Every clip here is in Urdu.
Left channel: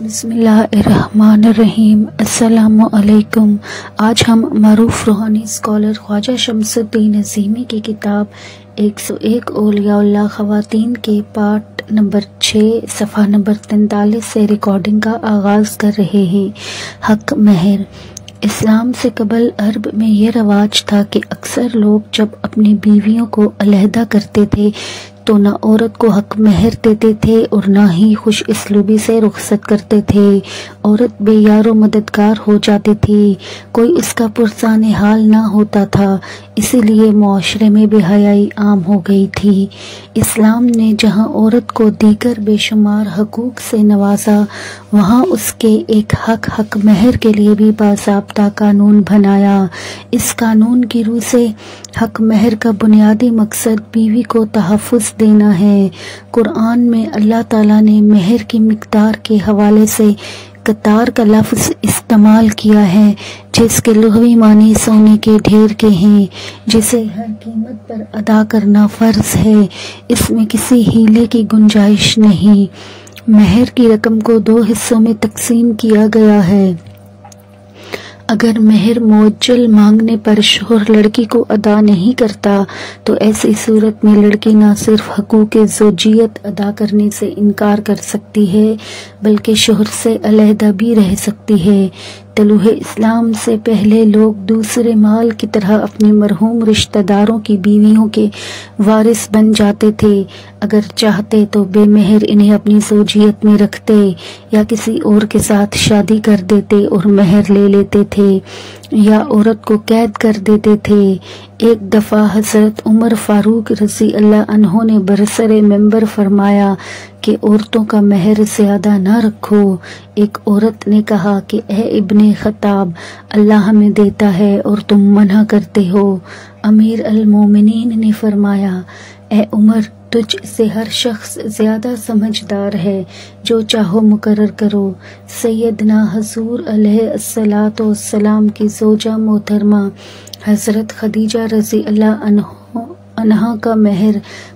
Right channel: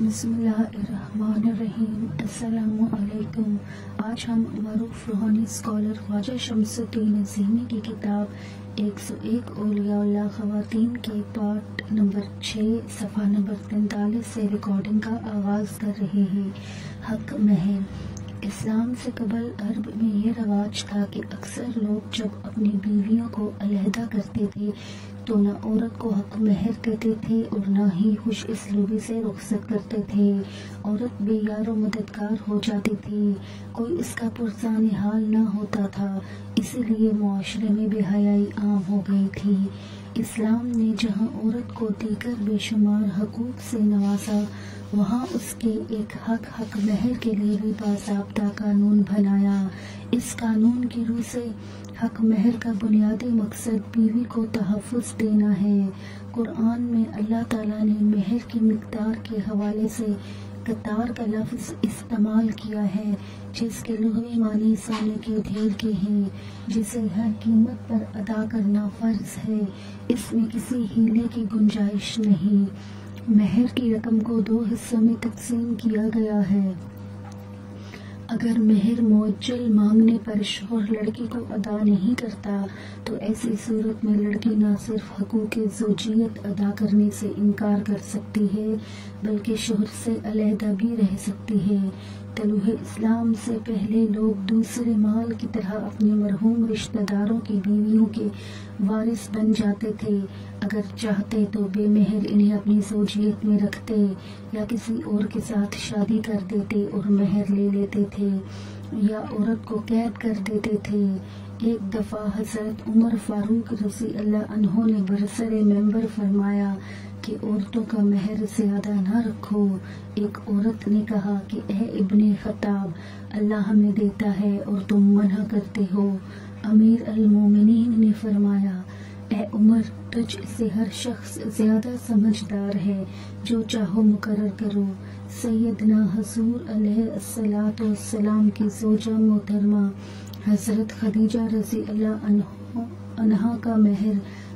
بسم اللہ الرحمن الرحیم۔ السلام علیکم۔ آج ہم معروف روحانی اسکالر خواجہ شمس الدین عظیمی کی کتاب 101 اولیاء اللہ خواتین کے پارٹ نمبر 6 صفحہ نمبر 43 سے ریکارڈنگ کا آغاز کر رہے ہیں۔ حق مہر۔ اسلام سے قبل عرب میں یہ رواج تھا کہ اکثر لوگ جب اپنی بیویوں کو علیحدہ کرتے تھے تو نہ عورت کو حق مہر دیتے تھے اور نہ ہی خوش اسلوبی سے رخصت کرتے تھے۔ عورت بے یار و مددگار ہو جاتی تھی، کوئی اس کا پرسان حال نہ ہوتا تھا، اسی لیے معاشرے میں بے حیائی عام ہو گئی تھی۔ اسلام نے جہاں عورت کو دیگر بے شمار حقوق سے نوازا، وہاں اس کے ایک حق مہر کے لیے بھی باضابطہ قانون بنایا۔ اس قانون کی روح سے حق مہر کا بنیادی مقصد بیوی کو تحفظ دینا ہے۔ قرآن میں اللہ تعالیٰ نے مہر کی مقدار کے حوالے سے قطار کا لفظ استعمال کیا ہے، جس کے لغوی معنی سونے کے ڈھیر کے ہیں، جسے ہر قیمت پر ادا کرنا فرض ہے۔ اس میں کسی ہیلے کی گنجائش نہیں۔ مہر کی رقم کو 2 حصوں میں تقسیم کیا گیا ہے۔ اگر مہر معجل مانگنے پر شوہر لڑکی کو ادا نہیں کرتا تو ایسی صورت میں لڑکی نہ صرف حقوق زوجیت ادا کرنے سے انکار کر سکتی ہے بلکہ شوہر سے علیحدہ بھی رہ سکتی ہے۔ طلوع اسلام سے پہلے لوگ دوسرے مال کی طرح اپنے مرحوم رشتہ داروں کی بیویوں کے وارث بن جاتے تھے۔ اگر چاہتے تو بے مہر انہیں اپنی زوجیت میں رکھتے یا کسی اور کے ساتھ شادی کر دیتے اور مہر لے لیتے تھے، یا عورت کو قید کر دیتے تھے۔ ایک دفعہ حضرت عمر فاروق رضی اللہ عنہ نے برسر منبر فرمایا کہ عورتوں کا مہر زیادہ نہ رکھو۔ ایک عورت نے کہا کہ اے ابن خطاب، اللہ ہمیں دیتا ہے اور تم منع کرتے ہو۔ امیر المومنین نے فرمایا، اے عمر، تجھ سے ہر شخص زیادہ سمجھدار ہے، جو چاہو مقرر کرو۔ سیدنا حضور علیہ الصلاۃ والسلام کی زوجہ محترمہ حضرت خدیجہ رضی اللہ عنہا کا مہر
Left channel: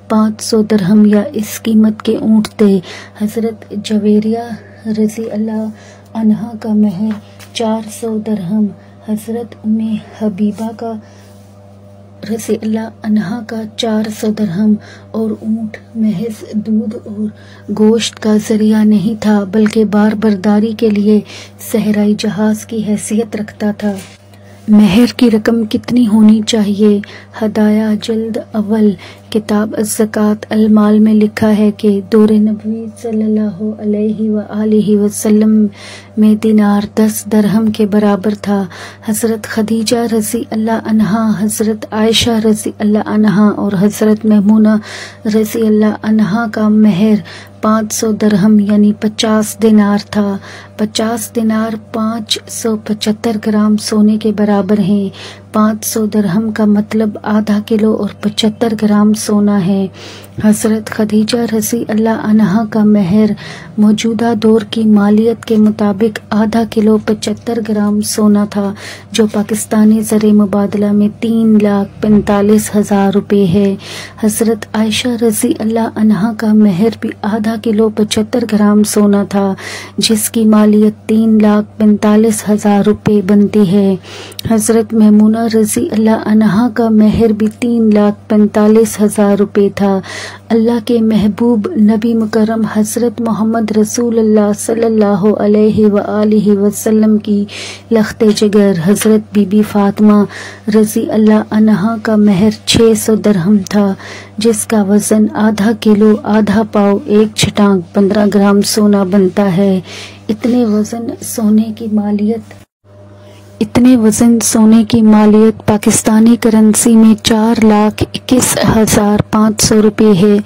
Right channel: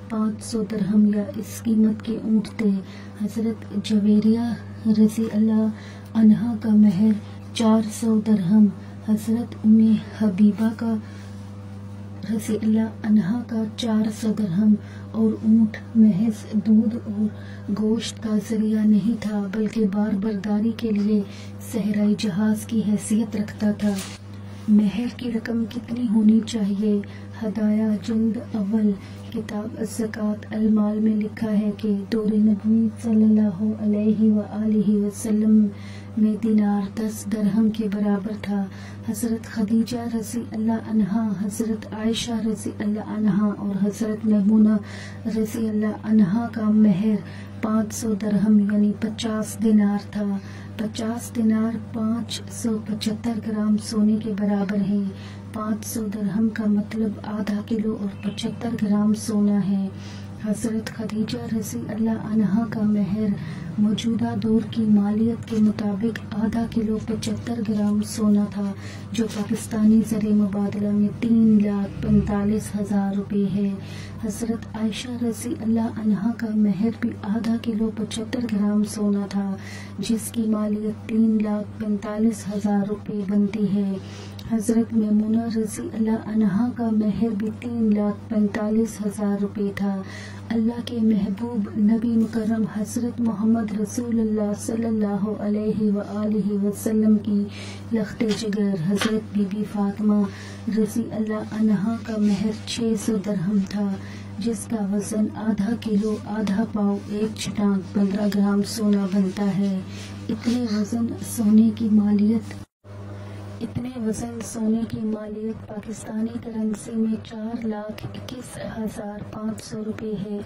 500 درہم یا اس قیمت کے اونٹ تھے۔ حضرت جویریہ رضی اللہ عنہا کا مہر 400 درہم، حضرت ام حبیبہ کا رضی اللہ عنہا کا 400 درہم، اور اونٹ محض دودھ اور گوشت کا ذریعہ نہیں تھا بلکہ بار برداری کے لیے صحرائی جہاز کی حیثیت رکھتا تھا۔ مہر کی رقم کتنی ہونی چاہیے؟ ہدایہ جلد اول کتاب الزکوٰۃ المال میں لکھا ہے کہ دور نبوی صلی اللہ علیہ وآلہ وسلم میں دینار 10 درہم کے برابر تھا۔ حضرت خدیجہ رضی اللہ عنہا، حضرت عائشہ رضی اللہ عنہا اور حضرت میمونہ رضی اللہ عنہا کا مہر 500 درہم یعنی 50 دینار تھا۔ 50 دینار 575 گرام سونے کے برابر ہیں۔ 500 درہم کا مطلب آدھا کلو اور 75 گرام سونا ہے۔ حضرت خدیجہ رضی اللہ عنہا کا مہر موجودہ دور کی مالیت کے مطابق آدھا کلو 75 گرام سونا تھا، جو پاکستانی زر مبادلہ میں 3,45,000 روپے ہے۔ حضرت عائشہ رضی اللہ عنہا کا مہر بھی آدھا کلو 75 گرام سونا تھا، جس کی مالیت 3,45,000 روپے بنتی ہے۔ حضرت میمونہ رضی اللہ عنہا کا مہر بھی 3,45,000 روپے تھا۔ اللہ کے محبوب نبی مکرم حضرت محمد رسول اللہ صلی اللہ علیہ وآلہ وسلم کی لخت جگر حضرت بی بی فاطمہ رضی اللہ عنہا کا مہر 600 درہم تھا، جس کا وزن آدھا کلو آدھا پاؤ 1 چھٹانک 15 گرام سونا بنتا ہے۔ اتنے وزن سونے کی مالیت پاکستانی کرنسی میں 4,21,500 روپے ہے۔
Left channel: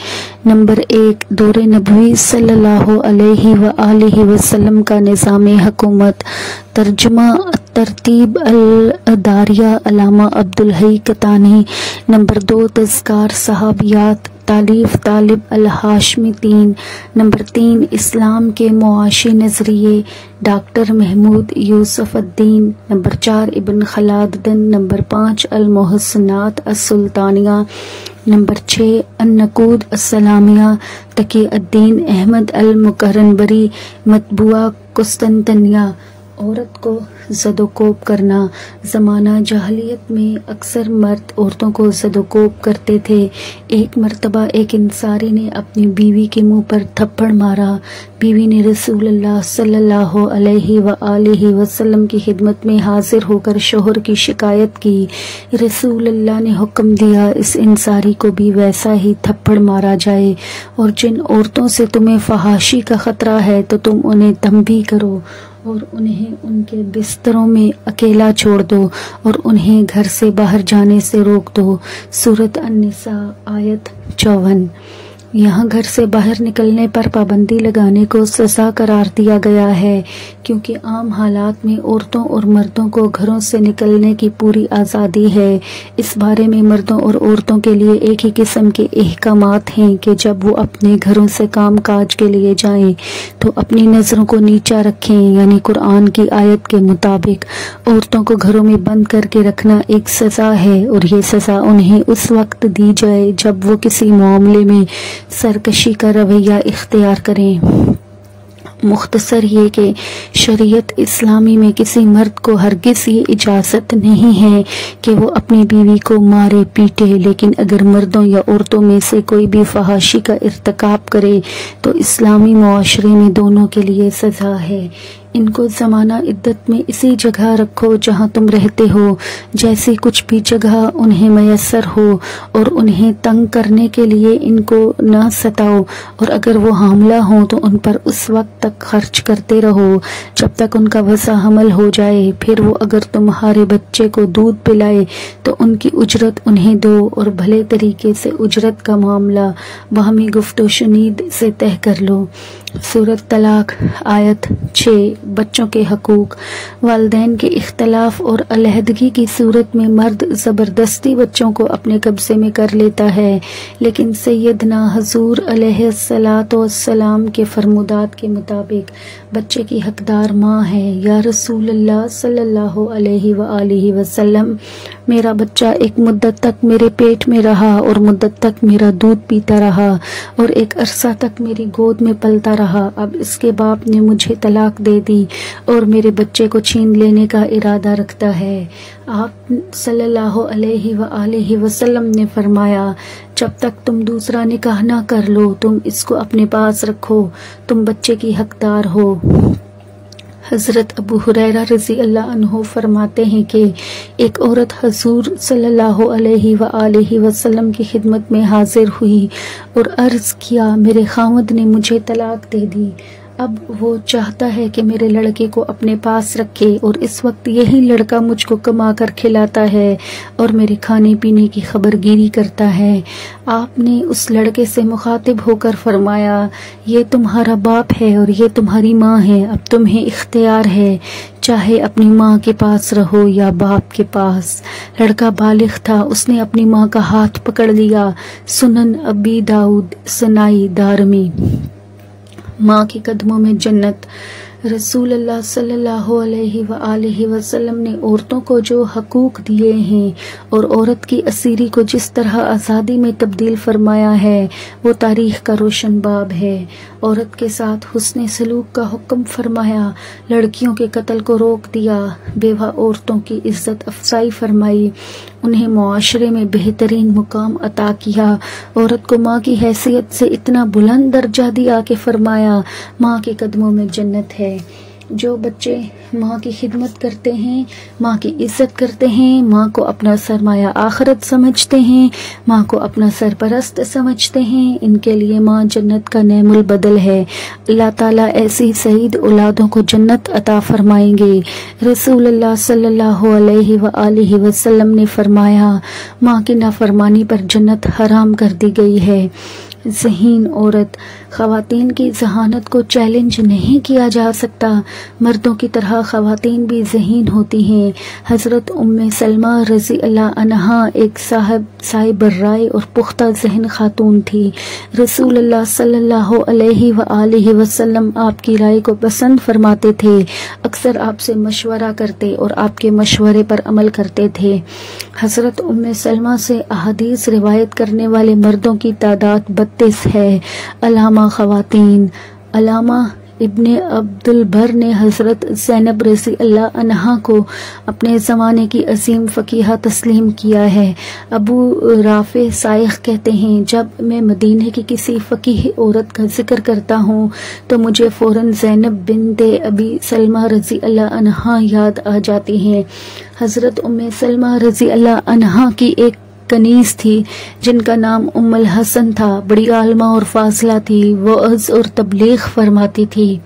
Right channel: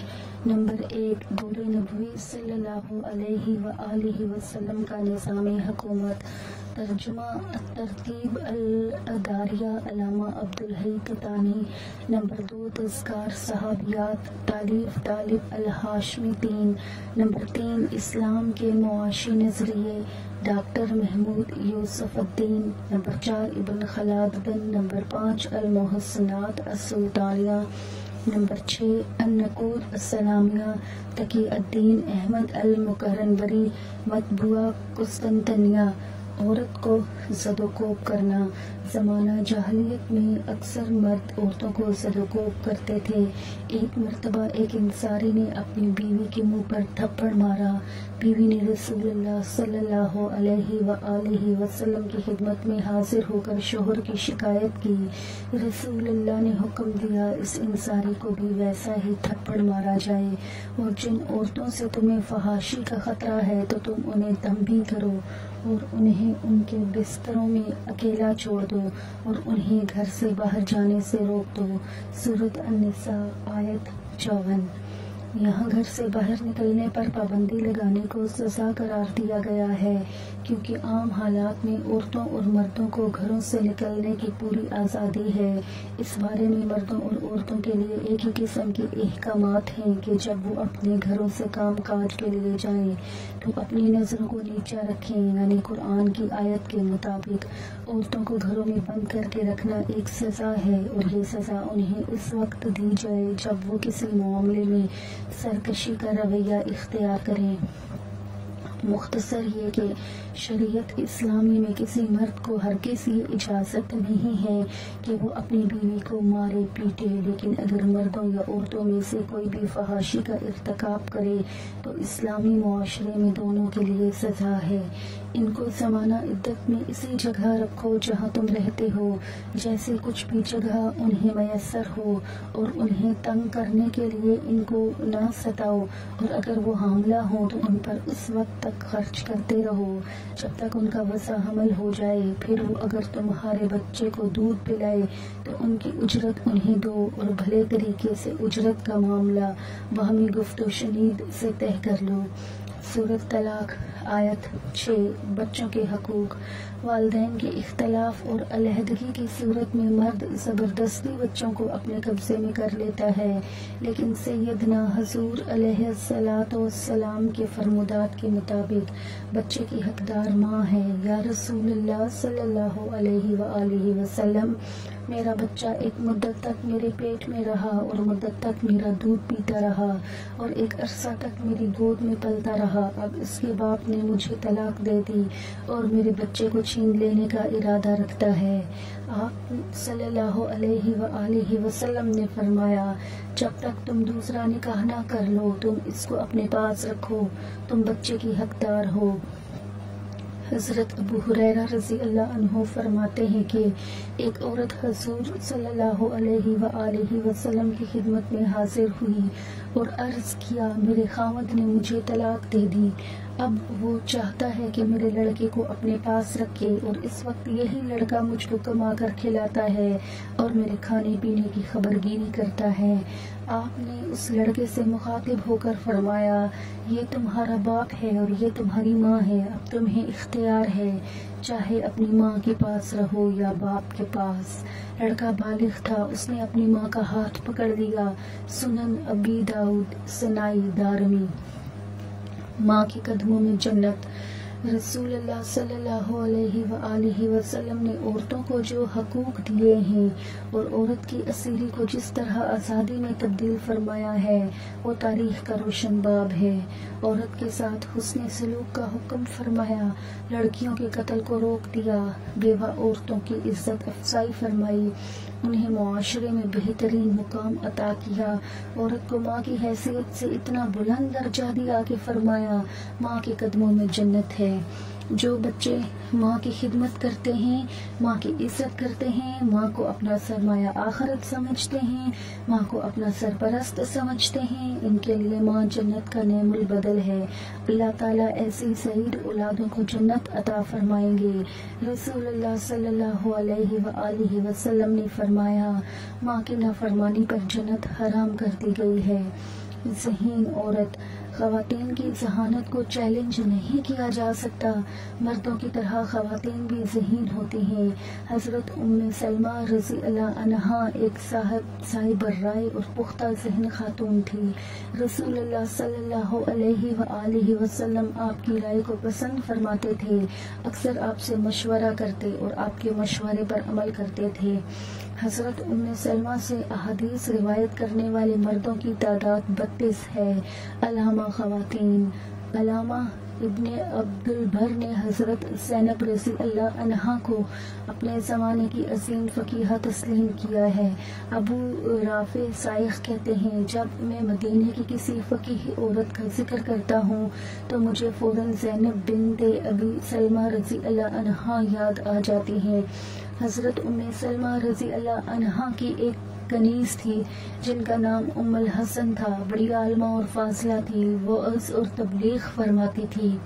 نمبر 1، دور نبوی صلی اللہ علیہ وآلہ وسلم کا نظام حکومت۔ ترجمہ ترتیب الاداریہ علامہ عبدالحی کتانی۔ نمبر 2، تذکار صحابیات۔ تالیف طالب الہاشمی 3۔ نمبر 3، اسلام کے معاشی نظریے، ڈاکٹر محمود یوسف الدین۔ نمبر 4، ابن خلدون۔ نمبر 5، المحسنات السلطانیہ۔ نمبر 6 النقود السلامیہ تقی الدین احمد المقرنبری مطبوعہ قسطنطنیہ۔ عورت کو زد و کوب کرنا۔ زمانہ جاہلیت میں اکثر مرد عورتوں کو زد و کوب کرتے تھے۔ ایک مرتبہ ایک انصاری نے اپنی بیوی کے منہ پر تھپڑ مارا۔ بیوی نے رسول اللہ صلی اللہ علیہ وآلہ وسلم کی خدمت میں حاضر ہو کر شوہر کی شکایت کی۔ رسول اللہ نے حکم دیا اس انصاری کو بھی ویسا ہی تھپڑ مارا جائے، اور جن عورتوں سے تمہیں فحاشی کا خطرہ ہے تو تم انہیں تنبیہ کرو اور انہیں ان کے بستروں میں اکیلا چھوڑ دو اور انہیں گھر سے باہر جانے سے روک دو۔ سورۃ النساء آیت 54۔ یہاں گھر سے باہر نکلنے پر پابندی لگانے کو سزا قرار دیا گیا ہے، کیونکہ عام حالات میں عورتوں اور مردوں کو گھروں سے نکلنے کی پوری آزادی ہے۔ اس بارے میں مردوں اور عورتوں کے لیے ایک ہی قسم کے احکامات ہیں کہ جب وہ اپنے گھروں سے کام کاج کے لیے جائیں تو اپنی نظروں کو نیچا رکھیں، یعنی قرآن کی آیت کے مطابق عورتوں کو گھروں میں بند کر کے رکھنا ایک سزا ہے، اور یہ سزا انہیں اس وقت دی جائے جب وہ کسی معاملے میں سرکشی کا رویہ اختیار کریں۔ مختصر یہ کہ شریعت اسلامی میں کسی مرد کو ہرگز یہ اجازت نہیں ہے کہ وہ اپنی بیوی کو مارے پیٹے، لیکن اگر مردوں یا عورتوں میں سے کوئی بھی فحاشی کا ارتکاب کرے تو اسلامی معاشرے میں دونوں کے لیے سزا ہے۔ ان کو زمانہ عدت میں اسی جگہ رکھو جہاں تم رہتے ہو، جیسی کچھ بھی جگہ انہیں میسر ہو، اور انہیں تنگ کرنے کے لیے ان کو نہ ستاؤ، اور اگر وہ حاملہ ہوں تو ان پر اس وقت تک خرچ کرتے رہو جب تک ان کا وضع حمل ہو جائے۔ پھر وہ اگر تمہارے بچے کو دودھ پلائے تو ان کی اجرت انہیں دو، اور بھلے طریقے سے اجرت کا معاملہ باہمی گفت و شنید سے طے کر لو۔ سورۃ طلاق آیت 6 بچوں کے حقوق۔ والدین کے اختلاف اور علیحدگی کی صورت میں مرد زبردستی بچوں کو اپنے قبضے میں کر لیتا ہے، لیکن سیدنا حضور علیہ السلام کے فرمودات کے مطابق بچے کی حقدار ماں ہے۔ یا رسول اللہ صلی اللہ علیہ وآلہ وسلم، میرا بچہ ایک مدت تک میرے پیٹ میں رہا اور مدت تک میرا دودھ پیتا رہا اور ایک عرصہ تک میری گود میں پلتا رہا۔ اب اس کے باپ نے مجھے طلاق دے دی اور میرے بچے کو چھین لینے کا ارادہ رکھتا ہے۔ آپ صلی اللہ علیہ وآلہ وسلم نے فرمایا، جب تک تم دوسرا نکاح نہ کر لو تم اس کو اپنے پاس رکھو، تم بچے کی حقدار ہو۔ حضرت ابو ہریرہ رضی اللہ عنہ فرماتے ہیں کہ ایک عورت حضور صلی اللہ علیہ وآلہ وسلم کی خدمت میں حاضر ہوئی اور عرض کیا، میرے خاوند نے مجھے طلاق دے دی، اب وہ چاہتا ہے کہ میرے لڑکے کو اپنے پاس رکھے، اور اس وقت یہی لڑکا مجھ کو کما کر کھلاتا ہے اور میرے کھانے پینے کی خبرگیری کرتا ہے۔ آپ نے اس لڑکے سے مخاطب ہو کر فرمایا، یہ تمہارا باپ ہے اور یہ تمہاری ماں ہے، اب تمہیں اختیار ہے، چاہے اپنی ماں کے پاس رہو یا باپ کے پاس۔ لڑکا بالغ تھا، اس نے اپنی ماں کا ہاتھ پکڑ لیا۔ سنن ابی داؤد سنائی دارمی۔ ماں کے قدموں میں جنت۔ رسول اللہ صلی اللہ علیہ وآلہ وسلم نے عورتوں کو جو حقوق دیے ہیں اور عورت کی اسیری کو جس طرح آزادی میں تبدیل فرمایا ہے وہ تاریخ کا روشن باب ہے۔ عورت کے ساتھ حسن سلوک کا حکم فرمایا، لڑکیوں کے قتل کو روک دیا، بیوہ عورتوں کی عزت افزائی فرمائی، انہیں معاشرے میں بہترین مقام عطا کیا، عورت کو ماں کی حیثیت سے اتنا بلند درجہ دیا کہ فرمایا، ماں کے قدموں میں جنت ہے۔ جو بچے ماں کی خدمت کرتے ہیں، ماں کی عزت کرتے ہیں، ماں کو اپنا سرمایہ آخرت سمجھتے ہیں، ماں کو اپنا سرپرست سمجھتے ہیں، ان کے لیے ماں جنت کا نعم البدل ہے۔ اللہ تعالیٰ ایسی سعید اولادوں کو جنت عطا فرمائیں گے۔ رسول اللہ صلی اللہ علیہ وآلہ وسلم نے فرمایا، ماں کی نافرمانی پر جنت حرام کر دی گئی ہے۔ ذہین عورت خواتین کی ذہانت کو چیلنج نہیں کیا جا سکتا، مردوں کی طرح خواتین بھی ذہین ہوتی ہیں۔ حضرت ام سلمہ رضی اللہ عنہا ایک صاحب رائے اور پختہ ذہن خاتون تھی۔ رسول اللہ صلی اللہ علیہ وآلہ وسلم آپ کی رائے کو پسند فرماتے تھے، اکثر آپ سے مشورہ کرتے اور آپ کے مشورے پر عمل کرتے تھے۔ حضرت ام سلمہ سے احادیث روایت کرنے والے مردوں کی تعداد 32 ہے۔ علامہ خواتین، علامہ ابن عبد البر نے حضرت زینب رضی اللہ عنہا کو اپنے زمانے کی عظیم فقیہہ تسلیم کیا ہے۔ ابو رافع سائخ کہتے ہیں، جب میں مدینہ کی کسی فقیہ عورت کا ذکر کرتا ہوں تو مجھے فوراً زینب بنت ابی سلمہ رضی اللہ عنہا یاد آ جاتی ہیں۔ حضرت ام سلمہ رضی اللہ عنہا کی ایک کنیز تھی جن کا نام ام الحسن تھا، بڑی عالمہ اور فاضلہ تھی، وعظ اور تبلیغ فرماتی تھی۔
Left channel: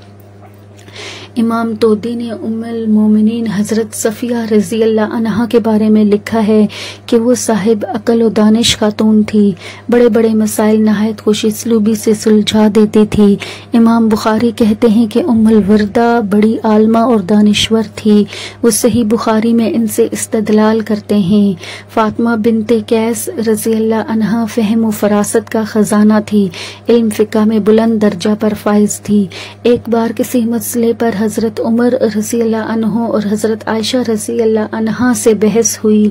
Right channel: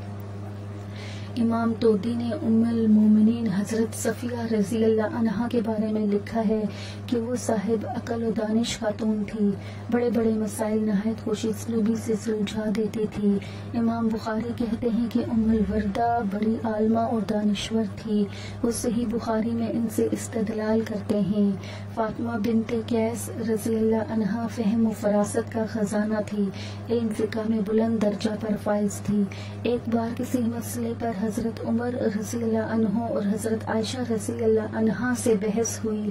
امام طودی نے ام المومنین حضرت صفیہ رضی اللہ عنہا کے بارے میں لکھا ہے کہ وہ صاحب عقل و دانش خاتون تھی، بڑے بڑے مسائل نہایت خوش اسلوبی سے سلجھا دیتی تھی۔ امام بخاری کہتے ہیں کہ ام الوردہ بڑی عالمہ اور دانشور تھی، وہ صحیح بخاری میں ان سے استدلال کرتے ہیں۔ فاطمہ بنت قیس رضی اللہ عنہا فہم و فراست کا خزانہ تھی، علم فقہ میں بلند درجہ پر فائز تھی۔ ایک بار کسی مسئلے پر حضرت عمر رضی اللہ عنہ اور حضرت عائشہ رضی اللہ عنہا سے بحث ہوئی۔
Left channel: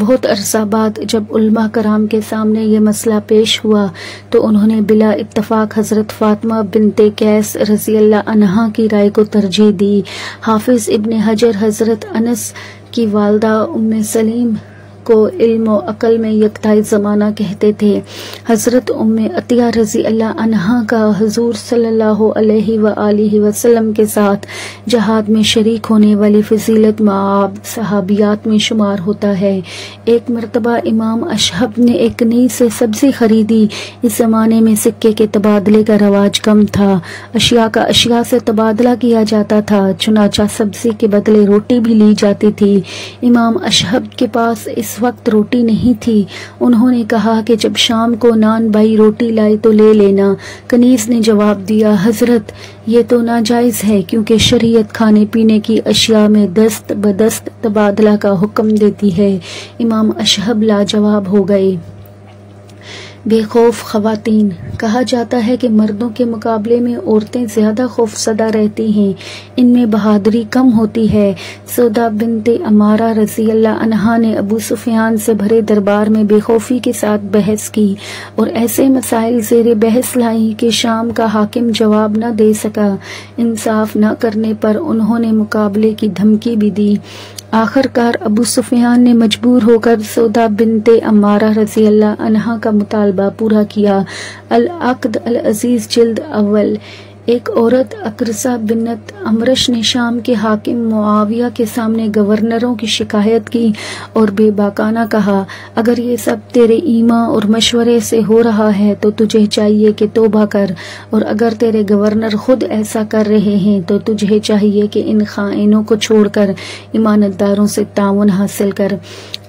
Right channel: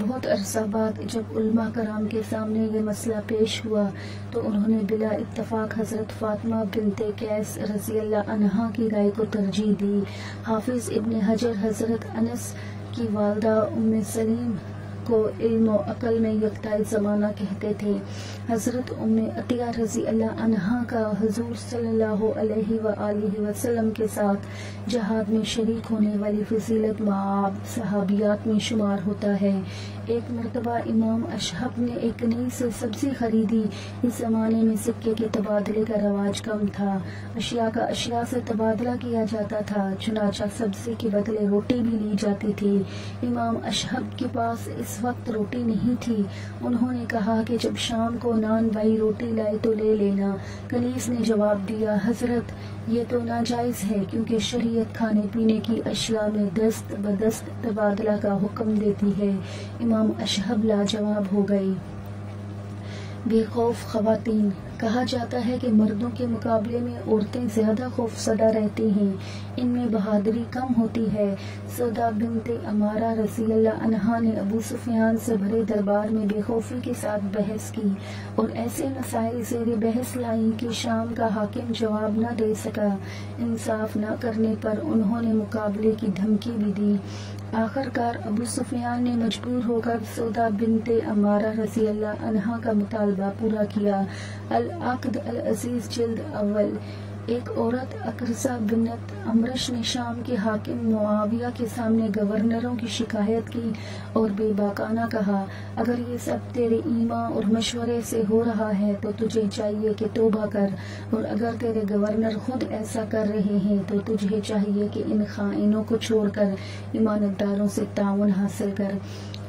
بہت عرصہ بعد جب علماء کرام کے سامنے یہ مسئلہ پیش ہوا تو انہوں نے بلا اتفاق حضرت فاطمہ بنت قیس رضی اللہ عنہا کی رائے کو ترجیح دی۔ حافظ ابن حجر حضرت انس کی والدہ ام سلیم کو علم و عقل میں یکتائی زمانہ کہتے تھے۔ حضرت ام عطیہ رضی اللہ عنہا کا حضور صلی اللہ علیہ وآلہ وسلم کے ساتھ جہاد میں شریک ہونے والی فضیلت معاب صحابیات میں شمار ہوتا ہے۔ ایک مرتبہ امام اشہب نے ایک کنیز سے سبزی خریدی۔ اس زمانے میں سکے کے تبادلے کا رواج کم تھا، اشیاء کا اشیاء سے تبادلہ کیا جاتا تھا، چنانچہ سبزی کے بدلے روٹی بھی لی جاتی تھی۔ امام اشہب کے پاس اس وقت روٹی نہیں تھی۔ انہوں نے کہا کہ جب شام کو نان بھائی روٹی لائے تو لے لینا۔ کنیز نے جواب دیا، حضرت یہ تو ناجائز ہے، کیونکہ شریعت کھانے پینے کی اشیاء میں دست بدست تبادلہ کا حکم دیتی ہے۔ امام اشہب لاجواب ہو گئے۔ بے خوف خواتین، کہا جاتا ہے کہ مردوں کے مقابلے میں عورتیں زیادہ خوف زدہ رہتی ہیں، ان میں بہادری کم ہوتی ہے۔ سودا بنت عمارہ رضی اللہ عنہا نے ابو سفیان سے بھرے دربار میں بے خوفی کے ساتھ بحث کی اور ایسے مسائل زیر بحث لائیں کہ شام کا حاکم جواب نہ دے سکا۔ انصاف نہ کرنے پر انہوں نے مقابلے کی دھمکی بھی دی۔ آخر کار ابو سفیان نے مجبور ہو کر سودا بنت عمارہ رضی اللہ عنہا کا مطالبہ پورا کیا۔ العقد العزیز جلد اول۔ ایک عورت اکرسہ بنت امرش نے شام کے حاکم معاویہ کے سامنے گورنروں کی شکایت کی اور بے باکانہ کہا، اگر یہ سب تیرے ایما اور مشورے سے ہو رہا ہے تو تجھے چاہیے کہ توبہ کر، اور اگر تیرے گورنر خود ایسا کر رہے ہیں تو تجھے چاہیے کہ ان خائنوں کو چھوڑ کر امانت داروں سے تعاون حاصل کر۔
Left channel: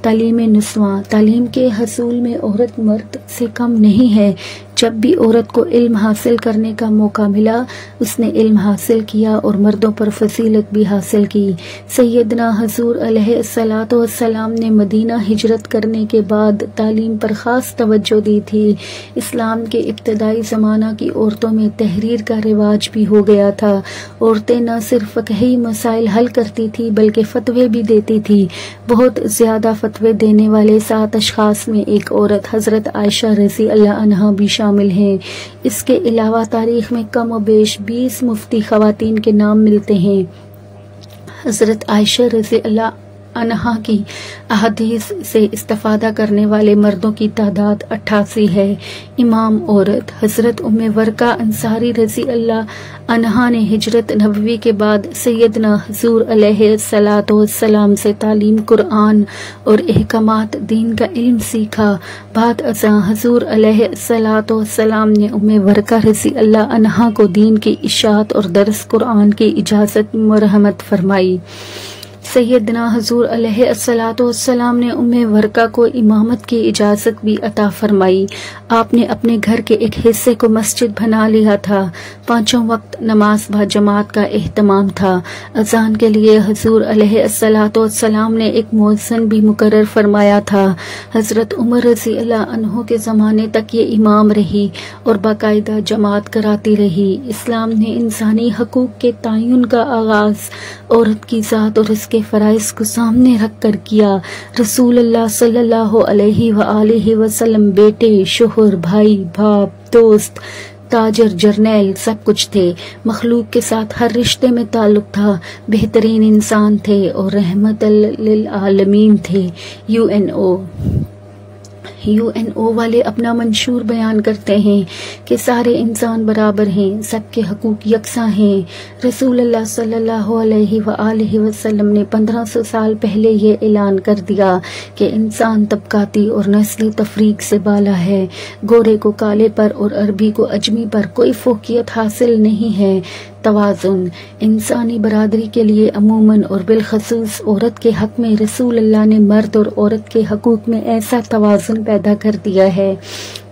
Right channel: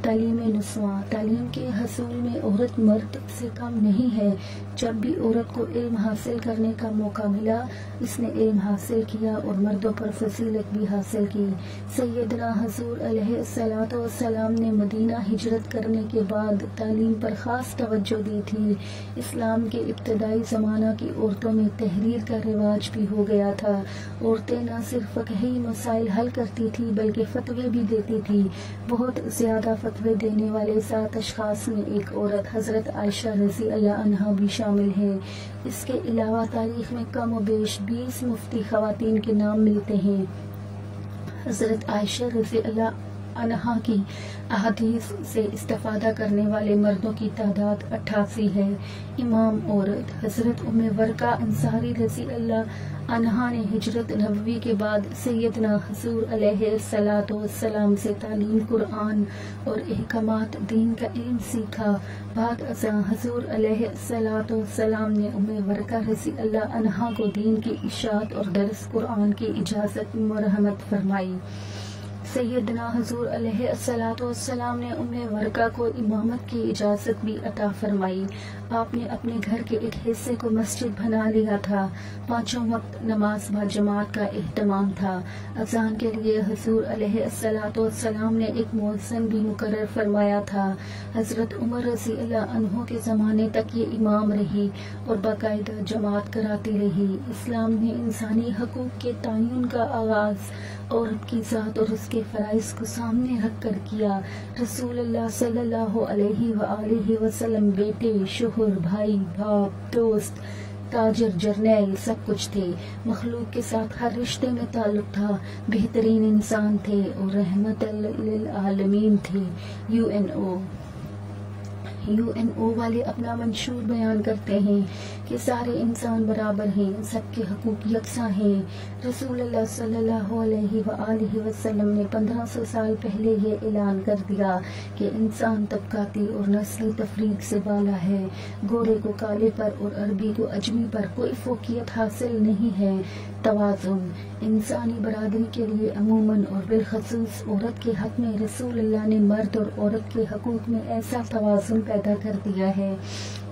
تعلیم نسواں۔ تعلیم کے حصول میں عورت مرد سے کم نہیں ہے۔ جب بھی عورت کو علم حاصل کرنے کا موقع ملا اس نے علم حاصل کیا اور مردوں پر فضیلت بھی حاصل کی۔ سیدنا حضور علیہ الصلاۃ والسلام نے مدینہ ہجرت کرنے کے بعد تعلیم پر خاص توجہ دی تھی۔ اسلام کے ابتدائی زمانہ کی عورتوں میں تحریر کا رواج بھی ہو گیا تھا۔ عورتیں نہ صرف فقہی مسائل حل کرتی تھی بلکہ فتوے بھی دیتی تھی۔ بہت زیادہ فتوے دینے والے 7 اشخاص میں ایک عورت حضرت عائشہ رضی اللہ عنہا بھی شامل ہیں۔ اس کے علاوہ تاریخ میں کم و بیش 20 مفتی خواتین کے نام ملتے ہیں۔ حضرت عائشہ رضی اللہ عنہا کی احادیث سے استفادہ کرنے والے مردوں کی تعداد 88 ہے۔ امام عورت حضرت ام ورقہ انصاری رضی اللہ عنہا نے ہجرت نبوی کے بعد سیدنا حضور علیہ الصلاۃ والسلام سے تعلیم قرآن اور احکامات دین کا علم سیکھا۔ بعد ازاں حضور علیہ الصلاۃ والسلام نے ام ورقہ رضی اللہ عنہا کو دین کی اشاعت اور درس قرآن کی اجازت مرحمت فرمائی۔ سیدنا حضور علیہ الصلوۃ والسلام نے ام ورقہ کو امامت کی اجازت بھی عطا فرمائی۔ آپ نے اپنے گھر کے ایک حصے کو مسجد بنا لیا تھا۔ 5 وقت نماز با جماعت کا اہتمام تھا۔ اذان کے لیے حضور علیہ الصلوۃ والسلام نے ایک مؤذن بھی مقرر فرمایا تھا۔ حضرت عمر رضی اللہ عنہ کے زمانے تک یہ امام رہی اور باقاعدہ جماعت کراتی رہی۔ اسلام نے انسانی حقوق کے تعین کا آغاز عورت کی ذات اور اس کے فرائض کو سامنے رکھ کر کیا۔ رسول اللہ صلی اللہ علیہ وآلہ وسلم بیٹے، شوہر، بھائی، باپ، دوست، تاجر، جرنیل سب کچھ تھے۔ مخلوق کے ساتھ ہر رشتے میں تعلق تھا۔ بہترین انسان تھے اور رحمت للعالمین تھے۔ UNO والے اپنا منشور بیان کرتے ہیں کہ سارے انسان برابر ہیں، سب کے حقوق یکساں ہیں۔ رسول اللہ صلی اللہ علیہ وآلہ وسلم نے 1500 سال پہلے یہ اعلان کر دیا کہ انسان طبقاتی اور نسلی تفریق سے بالا ہے۔ گورے کو کالے پر اور عربی کو اجمی پر کوئی فوقیت حاصل نہیں ہے۔ توازن انسانی برادری کے لیے عموماً اور بالخصوص عورت کے حق میں رسول اللہ نے مرد اور عورت کے حقوق میں ایسا توازن پیدا کر دیا ہے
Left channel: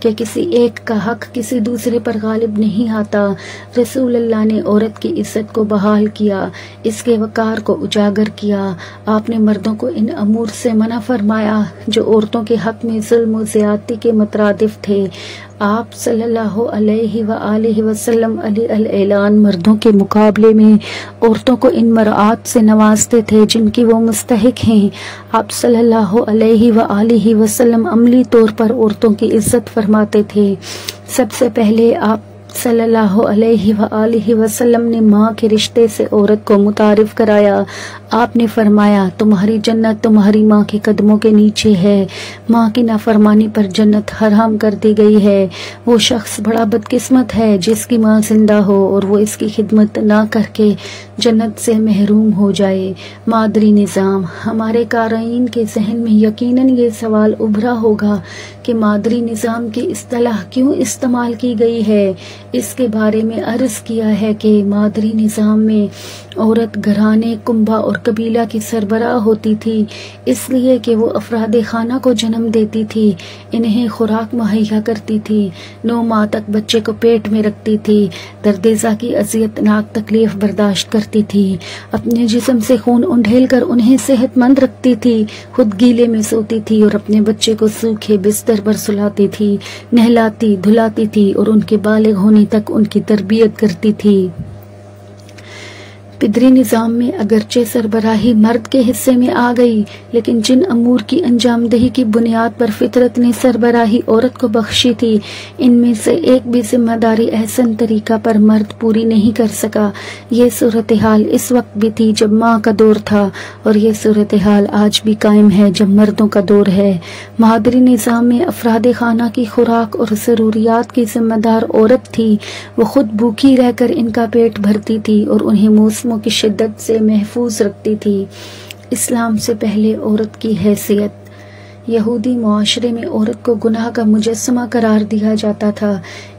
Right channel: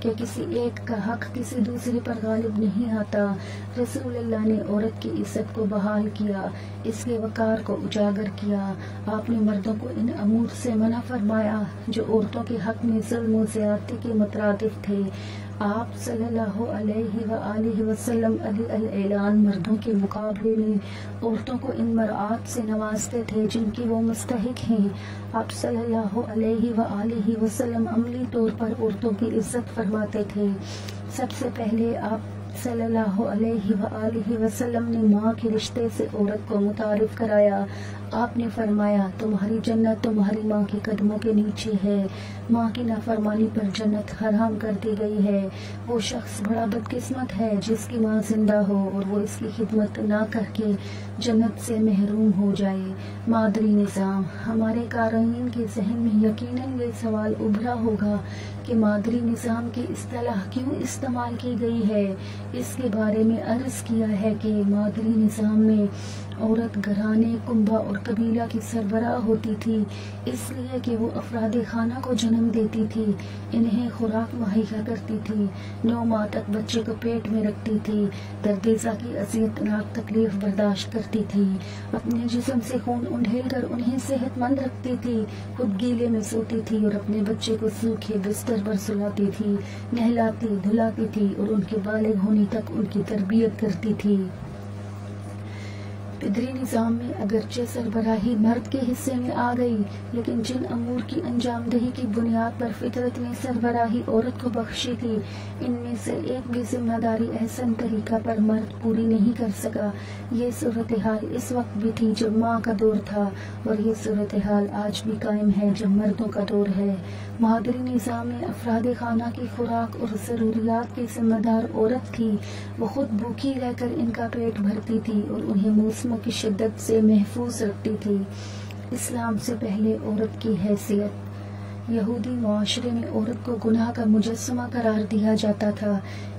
کہ کسی ایک کا حق کسی دوسرے پر غالب نہیں آتا۔ رسول اللہ نے عورت کی عزت کو بحال کیا، اس کے وقار کو اجاگر کیا۔ آپ نے مردوں کو ان امور سے منع فرمایا جو عورتوں کے حق میں ظلم و زیادتی کے مترادف تھے۔ آپ صلی اللہ علیہ وآلہ وسلم علی الاعلان مردوں کے مقابلے میں عورتوں کو ان مراعات سے نوازتے تھے جن کی وہ مستحق ہیں۔ آپ صلی اللہ علیہ وآلہ وسلم عملی طور پر عورتوں کی عزت فرماتے تھے۔ سب سے پہلے آپ صلی اللہ علیہ وآلہ وسلم نے ماں کے رشتے سے عورت کو متعارف کرایا۔ آپ نے فرمایا، تمہاری جنت تمہاری ماں کے قدموں کے نیچے ہے۔ ماں کی نافرمانی پر جنت حرام کر دی گئی ہے۔ وہ شخص بڑا بدقسمت ہے جس کی ماں زندہ ہو اور وہ اس کی خدمت نہ کر کے جنت سے محروم ہو جائے۔ مادری نظام ہمارے قارئین کے ذہن میں یقیناً یہ سوال ابھرا ہوگا کہ مادری نظام کی اصطلاح کیوں استعمال کی گئی ہے۔ اس کے بارے میں عرض کیا ہے کہ مادری نظام میں عورت گھرانے، کنبہ اور قبیلہ کی سربراہ ہوتی تھی، اس لیے کہ وہ افراد خانہ کو جنم دیتی تھی، انہیں خوراک مہیا کرتی تھی، 9 ماہ تک بچے کو پیٹ میں رکھتی تھی، درد ذا کی اذیت ناک تکلیف برداشت کرتی تھی، اپنے جسم سے خون انڈھیل کر انہیں صحت مند رکھتی تھی، خود گیلے میں سوتی تھی اور اپنے بچے کو سوکھے بستر پر سلاتی تھی، نہلاتی دھلاتی تھی اور ان کے بالغ ہونے تک ان کی تربیت کرتی تھی۔ پدری نظام میں اگرچہ سربراہی مرد کے حصے میں آ گئی، لیکن جن امور کی انجام دہی کی بنیاد پر فطرت نے سربراہی عورت کو بخشی تھی، ان میں سے ایک بھی ذمہ داری احسن طریقہ پر مرد پوری نہیں کر سکا۔ یہ صورتحال اس وقت بھی تھی جب ماں کا دور تھا، اور یہ صورتحال آج بھی قائم ہے جب مردوں کا دور ہے۔ مادری نظام میں افراد خانہ کی خوراک اور ضروریات کی ذمہ دار عورت تھی۔ وہ خود بھوکی رہ کر ان کا پیٹ بھرتی تھی اور انہیں موسموں کی شدت سے محفوظ رکھتی تھی۔ اسلام سے پہلے عورت کی حیثیت یہودی معاشرے میں عورت کو گناہ کا مجسمہ قرار دیا جاتا تھا۔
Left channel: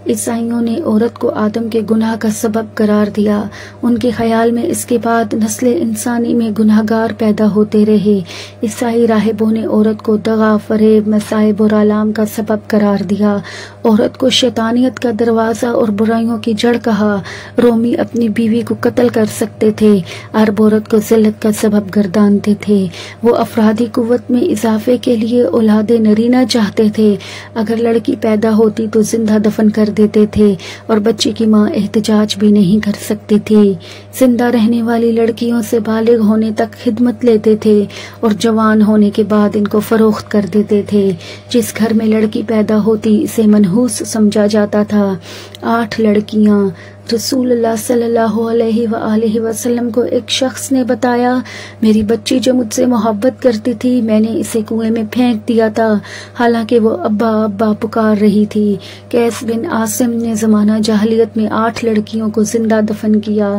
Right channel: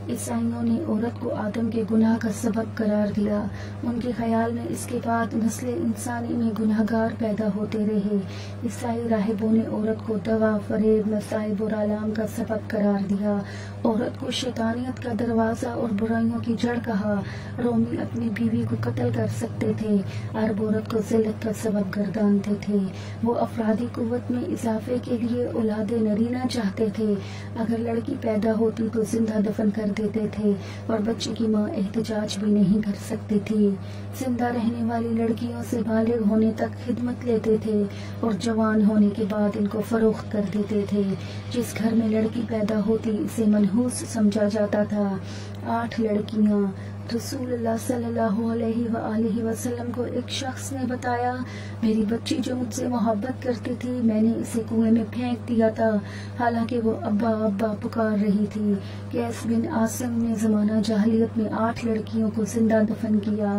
عیسائیوں نے عورت کو آدم کے گناہ کا سبب قرار دیا۔ ان کے خیال میں اس کے بعد نسل انسانی میں گناہگار پیدا ہوتے رہے۔ عیسائی راہبوں نے عورت کو دغا، فریب، مصائب اور آلام کا سبب قرار دیا۔ عورت کو شیطانیت کا دروازہ اور برائیوں کی جڑ کہا۔ رومی اپنی بیوی کو قتل کر سکتے تھے، عرب عورت کو ذلت کا سبب گردانتے تھے۔ وہ افرادی قوت میں اضافے کے لیے اولاد نرینہ چاہتے تھے۔ اگر لڑکی پیدا ہوتی تو زندہ دفن کر دیتے تھے اور بچے کی ماں احتجاج بھی نہیں کر سکتی تھی۔ زندہ رہنے والی لڑکیوں سے بالغ ہونے تک خدمت لیتے تھے اور جوان ہونے کے بعد ان کو فروخت کر دیتے تھے۔ جس گھر میں لڑکی پیدا ہوتی اسے منحوس سمجھا جاتا تھا۔ 8 لڑکیاں۔ رسول اللہ صلی اللہ علیہ وآلہ وسلم کو ایک شخص نے بتایا، میری بچی جو مجھ سے محبت کرتی تھی میں نے اسے کنویں میں پھینک دیا تھا، حالانکہ وہ ابا ابا پکار رہی تھی۔ قیس بن عاصم نے زمانہ جاہلیت میں 8 لڑکیوں کو زندہ دفن کیا۔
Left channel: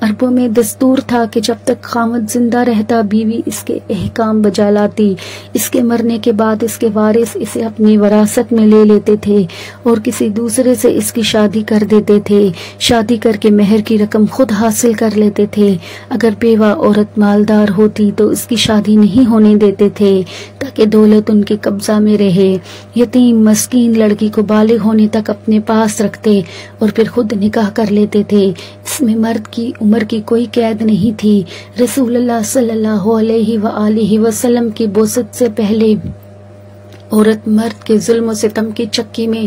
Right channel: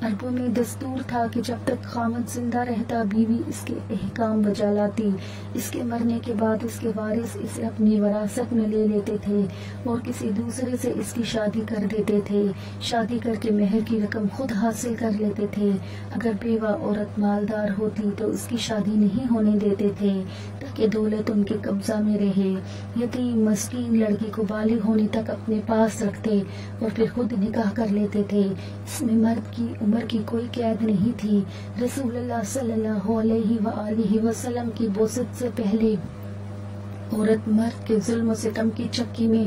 عربوں میں دستور تھا کہ جب تک خاوند زندہ رہتا بیوی اس کے احکام بجا لاتی، اس کے مرنے کے بعد اس کے وارث اسے اپنی وراثت میں لے لیتے تھے اور کسی دوسرے سے اس کی شادی کر دیتے تھے۔ شادی کر کے مہر کی رقم خود حاصل کر لیتے تھے۔ اگر بیوہ عورت مالدار ہوتی تو اس کی شادی نہیں ہونے دیتے تھے تاکہ دولت ان کے قبضہ میں رہے۔ یتیم مسکین لڑکی کو بالغ ہونے تک اپنے پاس رکھتے اور پھر خود نکاح کر لیتے تھے۔ اس میں مرد کی عمر کی کوئی قید نہیں تھی۔ رسول اللہ صلی اللہ علیہ وآلہ وسلم کی بعثت سے پہلے عورت مرد کے ظلم و ستم کی چکی میں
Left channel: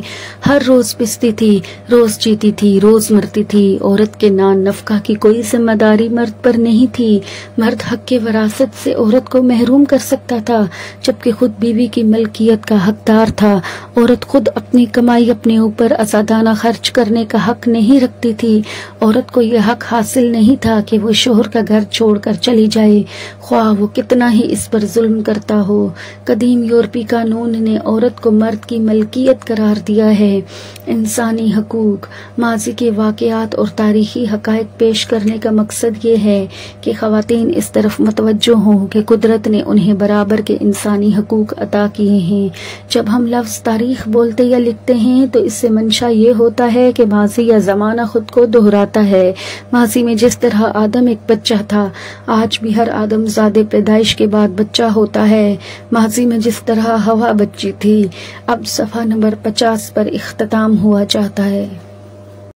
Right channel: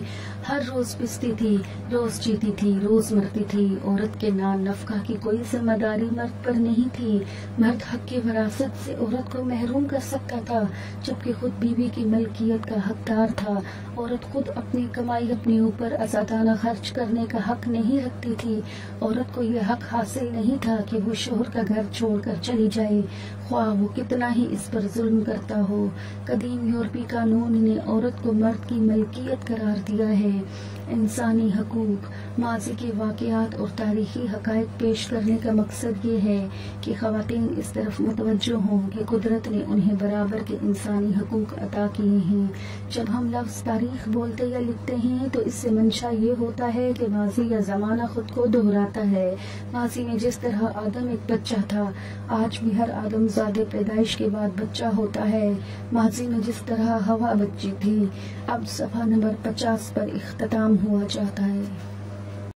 ہر روز پستی تھی، روز جیتی تھی، روز مرتی تھی۔ عورت کے نان نفقہ کی کوئی ذمہ داری مرد پر نہیں تھی۔ مرد حق کے وراثت سے عورت کو محروم کر سکتا تھا جبکہ خود بیوی کی ملکیت کا حقدار تھا۔ عورت خود اپنی کمائی اپنے اوپر آزادانہ خرچ کرنے کا حق نہیں رکھتی تھی۔ عورت کو یہ حق حاصل نہیں تھا کہ وہ شوہر کا گھر چھوڑ کر چلی جائے، خواہ وہ کتنا ہی اس پر ظلم کرتا ہو۔ قدیم یورپی قانون نے عورت کو مرد کی ملکیت قرار دیا ہے۔ انسانی حقوق، ماضی کے واقعات اور تاریخی حقائق پیش کرنے کا مقصد یہ ہے کہ خواتین اس طرف متوجہ ہوں کہ قدرت نے انہیں برابر کے انسانی حقوق عطا کیے ہیں۔ جب ہم لفظ تاریخ بولتے یا لکھتے ہیں تو اس سے منشا یہ ہوتا ہے کہ ماضی یا زمانہ خود کو دہراتا ہے۔ ماضی میں جس طرح آدم ایک بچہ تھا، آج بھی ہر آدم زادے پیدائش کے بعد بچہ ہوتا ہے۔ ماضی میں جس طرح ہوا بچی تھی، اب صفحہ نمبر 50 پر اختتام ہوا چاہتا ہے۔